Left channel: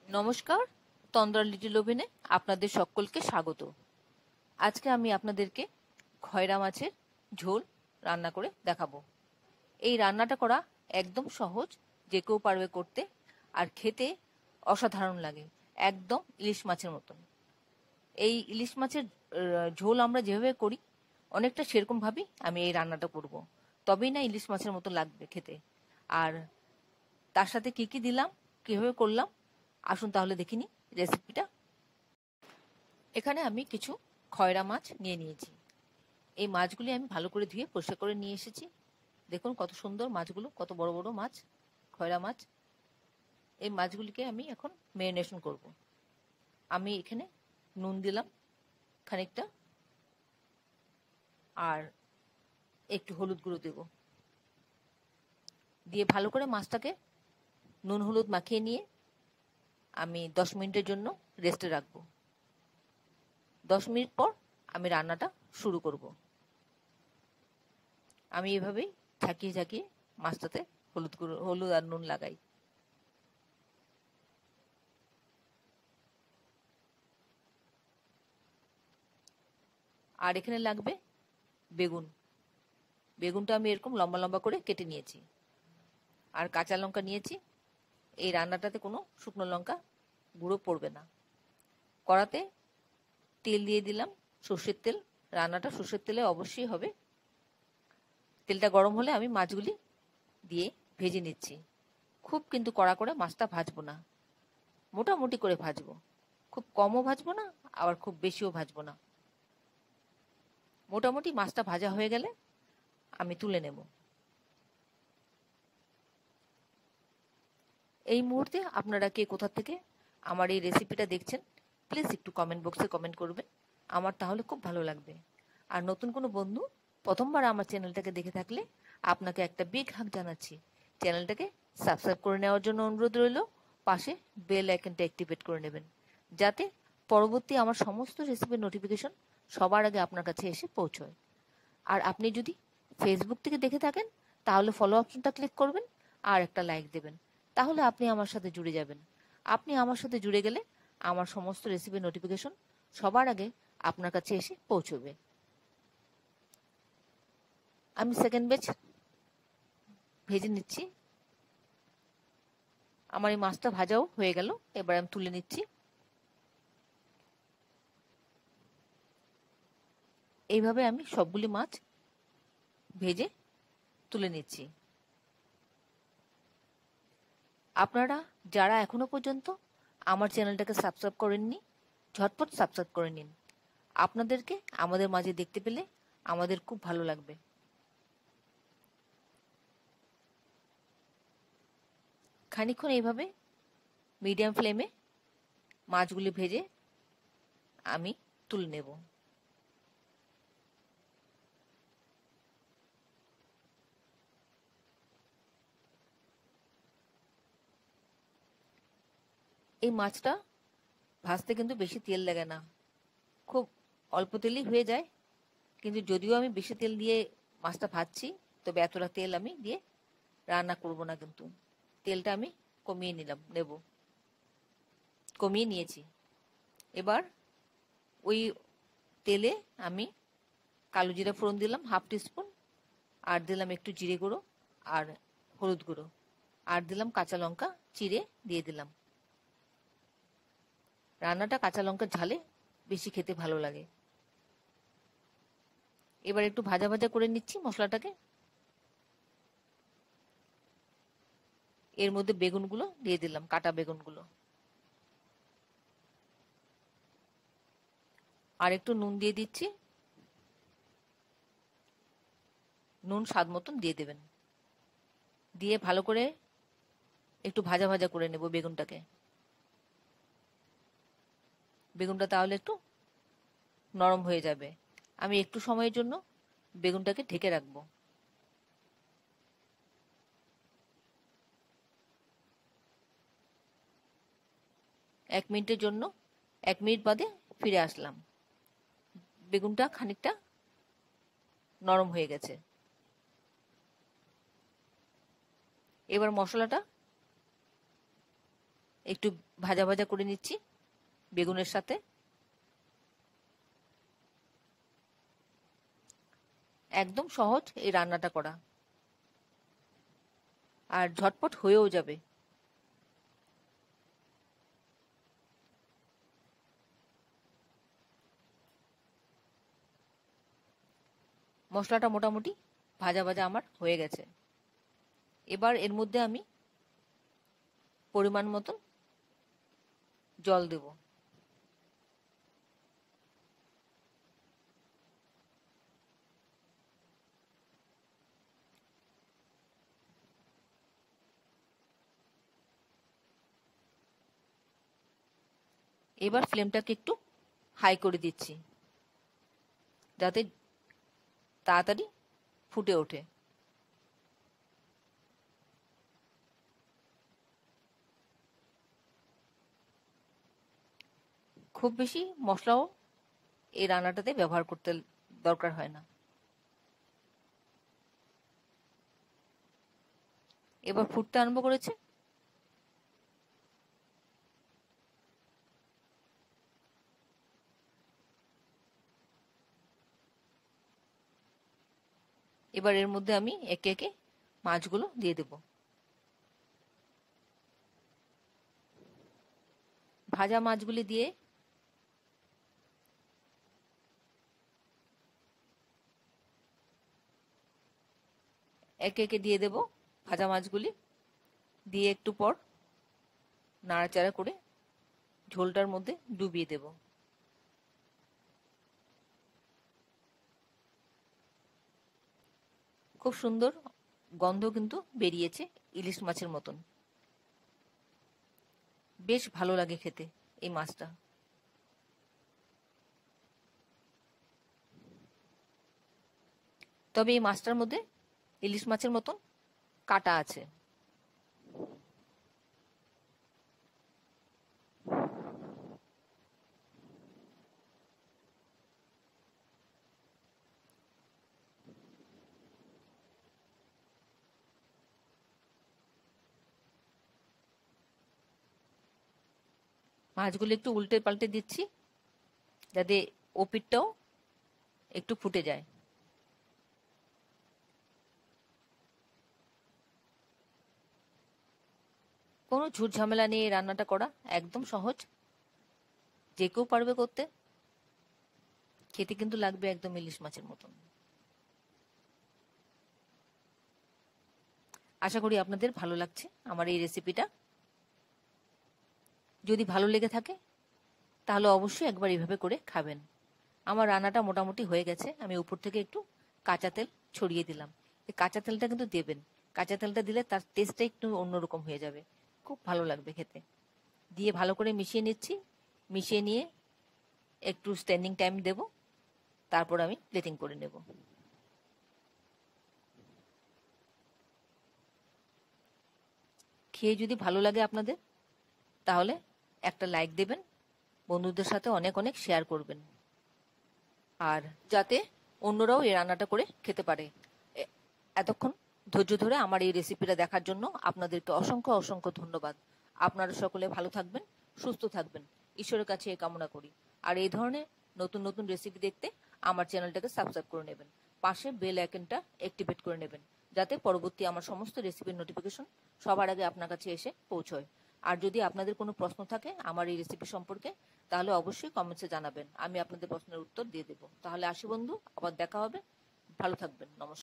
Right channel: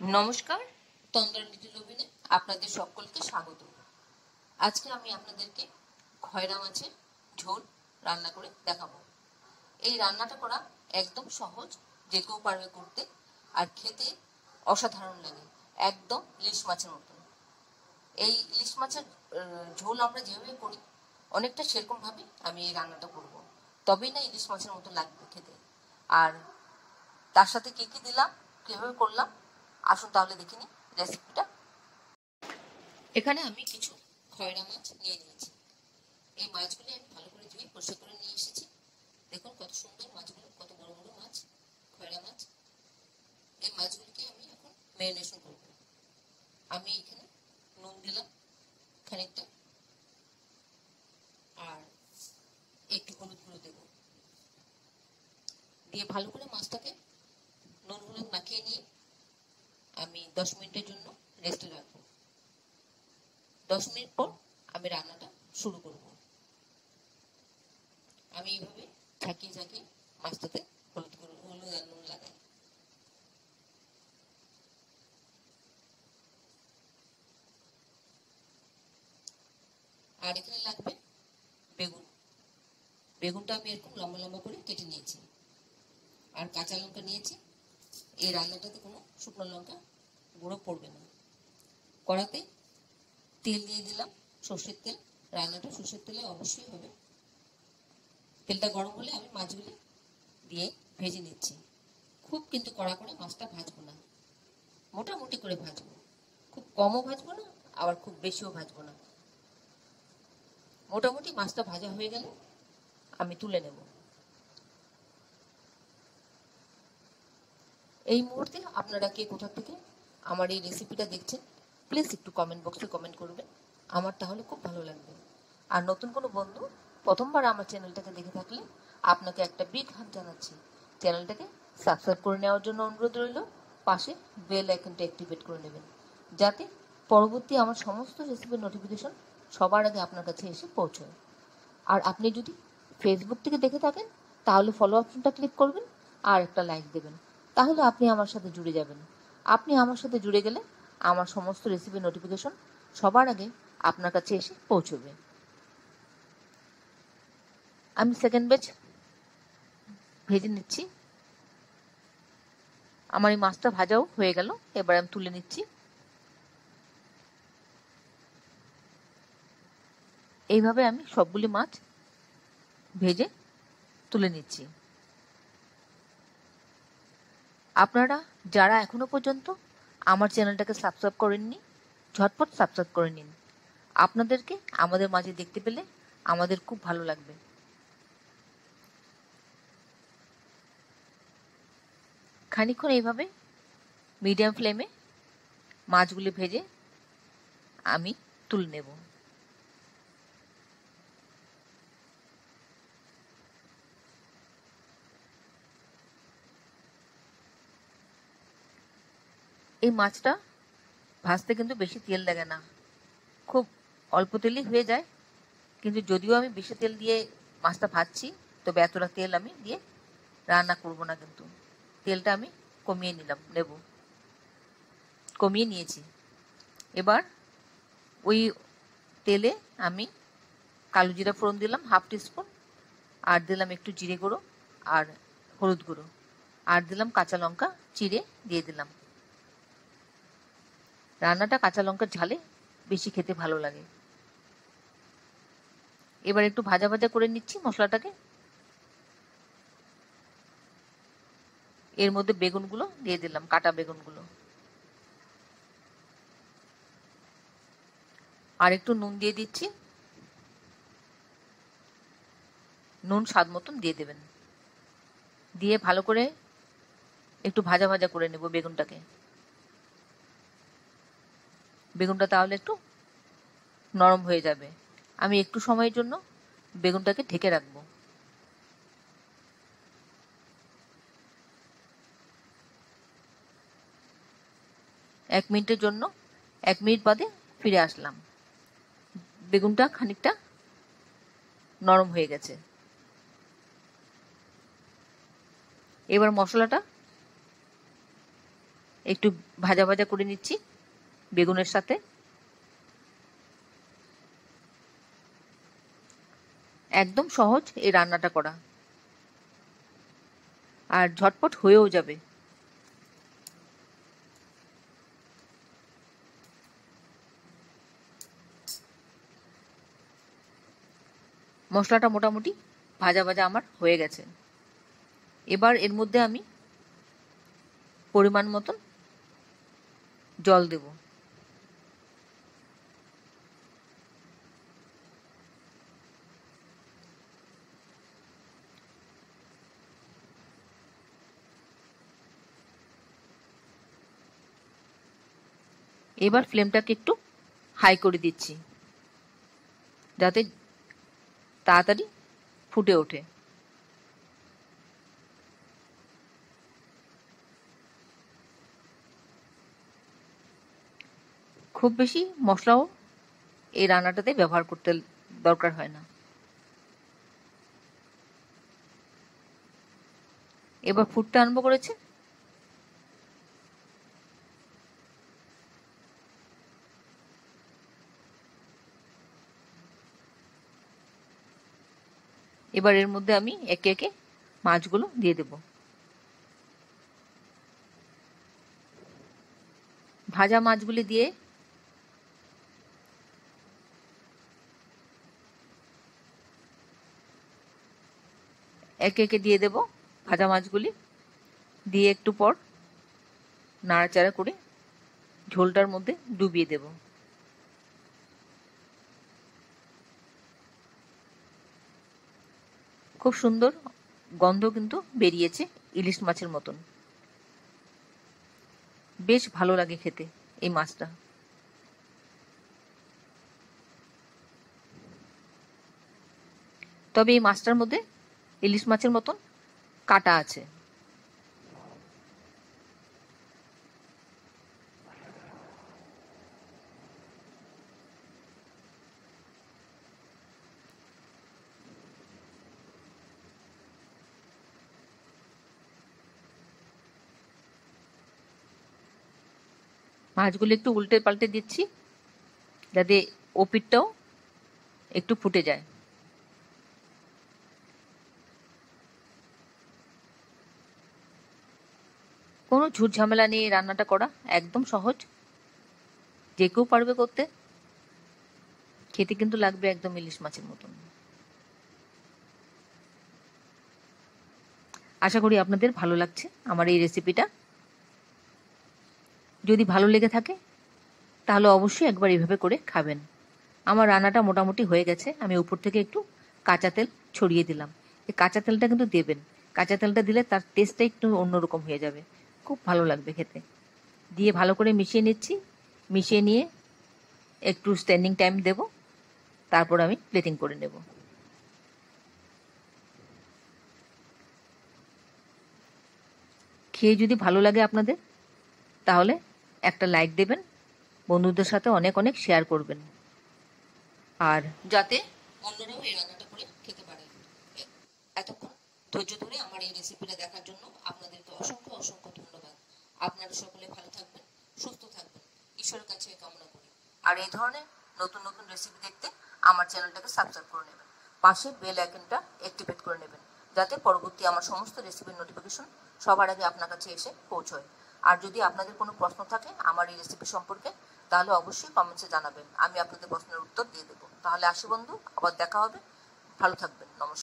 নমস্কার, তন্দ্রা লিটিল ওভেনে আপনাদের সকলকে স্বাগত। আজকে আমি আপনাদেরকে খয়রা মাছের ঝোল রান্না করে দেখাবো। এই রান্নাটা করা একদম সহজ, যে কেউ পারবে করতে, আর খেতে অসাধারণ লাগে, একদম ইলিশ মাছের মতন। এই ইলিশ মাছের ঝোল আমরা যেভাবে করি অনেকটা সেরকমভাবেই আমি এই রান্নাটা করব, তবেই না ইলিশ মাছের মতো লাগবে খেতে। আর তার সাথে কী কী দিলাম, কীভাবে করলাম, আসুন তাহলে দেখিনি রেসিপিটা। এখানে আমি কিছু খয়রা মাছ নিয়ে নিয়েছি। এই মাছগুলি আমি ভালো করে ধুয়ে পরিষ্কার করে নিয়ে এসেছি। দেখুন কত সুন্দর মাছগুলো, কত বড় বড় মাছ, খয়রা মাছ। এই মাছগুলিকে আমি এখন ম্যারিনেশন করব। আমি এখানে নুন দিলাম খানিকটা, আর একটু হলুদ গুঁড়ো দেব। দিয়ে ভালো করে মাছটাকে নুন হলুদ মাখিয়ে নিয়ে আমি 10 মিনিটের জন্য রেস্টে রাখবো। 10 মিনিট পর আমি রান্নাটা শুরু করব। আমি এভাবেই ঝাঁকিয়ে ঝাঁকিয়ে মাছটাতে হলুদ আর নুন লাগাই। আর এখানে লাগবে বেগুন। বেগুনটা আমি এরকম লম্বা লম্বা করে কেটে নিয়েছি। আর কাঁচা লঙ্কা নিয়েছি। এই রান্নাটাতে কোনো শুকনো লঙ্কা গুঁড়ো পড়বে না। কড়াতে তেল দিয়ে দিলাম, সর্ষের তেল। রান্নাটা সর্ষের তেলে অবশ্যই হবে। তেলটা গরম হলে আমি মাছগুলি দিয়ে ভেজে নিচ্ছি। খুব কিন্তু কড়া করে মাছটা ভাজবো না, মোটামুটি করে ভাজবো। খুব কমও ভাজবো না, আবার খুব বেশিও ভাজবো না। মোটামুটি মাছটা ভাজা হয়ে গেলে আমি তুলে নেব। এই মুহূর্তে আপনারা কে কোথা থেকে আমার এই রেসিপিটা দেখছেন প্লিজ একটু কমেন্ট বক্সে কমেন্ট করবেন, আমার তাহলে খুব ভালো লাগবে। আর নতুন কোনো বন্ধু প্রথমবার আমার চ্যানেলটাকে দেখে থাকলে আপনাকে একটা বিগ হাগ জানাচ্ছি। চ্যানেলটাকে সাবস্ক্রাইব করে নেওয়ার জন্য অনুরোধ রইল। পাশে বেল আইকনটা অ্যাক্টিভেট করে নেবেন, যাতে পরবর্তী আমার সমস্ত রেসিপির নোটিফিকেশন সবার আগে আপনার কাছে এসে পৌঁছয়। আর আপনি যদি ফেসবুক থেকে দেখে থাকেন তাহলে ফলো অপশনটা ক্লিক করবেন আর একটা লাইক দেবেন, তাহলে আপনি আমার সাথে জুড়ে যাবেন। আপনি আমার সাথে জুড়ে গেলে আমার সমস্ত রেসিপির নোটিফিকেশন সবার আগে আপনার কাছে এসে পৌঁছবে। আমি সেকেন্ড ব্যাচ ভেজে নিচ্ছি। আমার এই মাছটা ভাজাও হয়ে গেল, এবার আমি তুলে নিচ্ছি। এইভাবে আমি সবগুলি মাছ ভেজে তুলে নিচ্ছি। আপনারা যারা এখনো পর্যন্ত আমার চ্যানেলটাকে সাবস্ক্রাইব করেননি, ঝটপট সাবস্ক্রাইব করে নিন। আপনাদেরকে আমাদের মাঝে দেখতে পেলে আমাদের খুব ভালো লাগবে। খানিকক্ষণ এইভাবে মিডিয়াম ফ্লেমে মাছগুলি ভেজে আমি তুলে নেব। এই মাছটা ভাজতে কিন্তু বেশি তেল লাগে না, খুব অল্প তেলই হয়ে যায়। কিন্তু যদিও আমি বেশি তেল দিয়ে মাছটা ভাজছি, তবে এতটা তেল আমি দিয়ে রান্না করব না। কিন্তু তেলটা আমি কমিয়ে নিয়েছি। এবার ওই তেলে আমি কালো জিরা ফোড়ন দিলাম 1/2 টিস্পুন, আর দিলাম একটু জিরে গুঁড়ো আর হলুদ গুঁড়ো, আর দিলাম কাঁচা লঙ্কা চিড়ে দিয়ে দিলাম। রান্নাটা কাঁচা লঙ্কার ঝালে বেশি খেতে ভালো লাগে। এবার একটু ভাজা ভাজা করে নিচ্ছি মশলাটাকে। এর মধ্যে বেগুনগুলো দিয়ে দিলাম, কাটা বেগুনগুলো। আর একটু নুন দিয়ে দিচ্ছি, নুন স্বাদ মতন দিয়ে দেবেন। দিয়ে ভালো করে একটু ভাজা ভাজা করে নেব বেগুনটাকে। বেগুনটা তাহলে একটু নরম হয়ে যাবে। আমি একটু সময়ের জন্য বেগুনটাকে ঢেকে রাখবো। এক মিনিটের জন্য, 1 মিনিট বাদে ফিরে আসলাম। বেগুনটা খানিকটা নরম হয়ে গেছে। এবার মশলাটা একটু ভাজা ভাজা করে নিচ্ছি বেগুনের সাথে। একদম সহজ এই রান্নাটা করা, আর ঝটপট হয়েও যাবে। মশলাটা মোটামুটি ভাজা ভাজা আমার হয়ে গেছে। এবার এর মধ্যে আমি পরিমাণ মতন জল দেব। এবার ফ্লেমটাকে একটু হাই করে দিচ্ছি যাতে তাড়াতাড়ি ফুটে ওঠে। খুব বেশি মশলাও এই রান্নাটাতে ব্যবহার করতে দরকার হয় না। এবার ফুটতে আরম্ভ করেছে। এবার এর মধ্যে আমি একে একে মাছগুলো দিয়ে দেব। ভাজা মাছগুলি দিয়ে একে একে দিয়ে দেব ভাজা মাছগুলি। দিয়ে একটু পর নাড়াচাড়া করে ঝোলটার মধ্যে ডুবিয়ে দেব। খুব সুন্দর গন্ধ কিন্তু বেরিয়েছে ইলিশ মাছের মতন। বেশ ভালো লাগে খেতে এই মাছটা। তবে এই মাছটার মধ্যে ইলিশ মাছের মতন কাঁটা আছে। মাছগুলো একটু উল্টে পাল্টে দিচ্ছি যাতে ওপিঠটাও একটু ফুটে যায়। কোনো ঝুট ঝামেলা নেই রান্নাটা করা, একদম সহজ, যে কেউ পারবে করতে। খেতে কিন্তু লাগবে একদম ইলিশ মাছের মতন। আশা করি আপনাদের ভালো লাগছে আমার এই রেসিপিটা। যদি ভালো লেগে থাকে তাহলে অবশ্যই একবার এইভাবে করে খাবেন। আমার রান্নাটা মোটামুটি হয়ে গেছে। আমি উপর থেকে একটু কাঁচা তেল ছড়িয়ে দিলাম। এই কাঁচা তেলটা কিন্তু দেবেন, কাঁচা তেলটা দিলে তার টেস্টটা একটু অন্যরকম হয়ে যাবে, খুব ভালো লাগবে খেতে। দিয়ে ভালো করে মিশিয়ে নিচ্ছি। মিশিয়ে নিয়ে একটু স্ট্যান্ডিং টাইম দেব, তারপর আমি প্লেটিং করে নেব। খেয়ে যদি ভালো লাগে আপনাদের তাহলে একটা লাইক দেবেন, বন্ধুদের সাথে অনেক অনেক শেয়ার করবেন, আর যাতে অন্যরাও এই রান্নাটা করে খেতে পারে। এতক্ষণ ধৈর্য ধরে আমার এই রেসিপিটা দেখার জন্য আপনাদেরকে অসংখ্য অসংখ্য ধন্যবাদ। আপনারা সকলে ভালো থাকবেন, সুস্থ থাকবেন, ঈশ্বরের কাছে এই কামনা করি। আর এই ধরনের নতুন নতুন রেসিপি দেখতে আমার চ্যানেলটাকে সাবস্ক্রাইব করে নেবেন, পাশে বেল আইকনটা অ্যাক্টিভেট করে নেবেন যাতে পরবর্তী আমার সমস্ত রেসিপির নোটিফিকেশন সবার আগে আপনার কাছে এসে পৌঁছয়। আর যদি আপনাদের কোনো প্রশ্ন থাকে আমার এই রেসিপি সম্পর্কে তাহলে অবশ্যই কমেন্টসে জানাবেন, আমি আপনাদের প্রশ্নের উত্তর দিয়ে দেবো। তাহলে আসি বন্ধু, আবার দেখা হবে, ভালো থাকবেন, নমস্কার।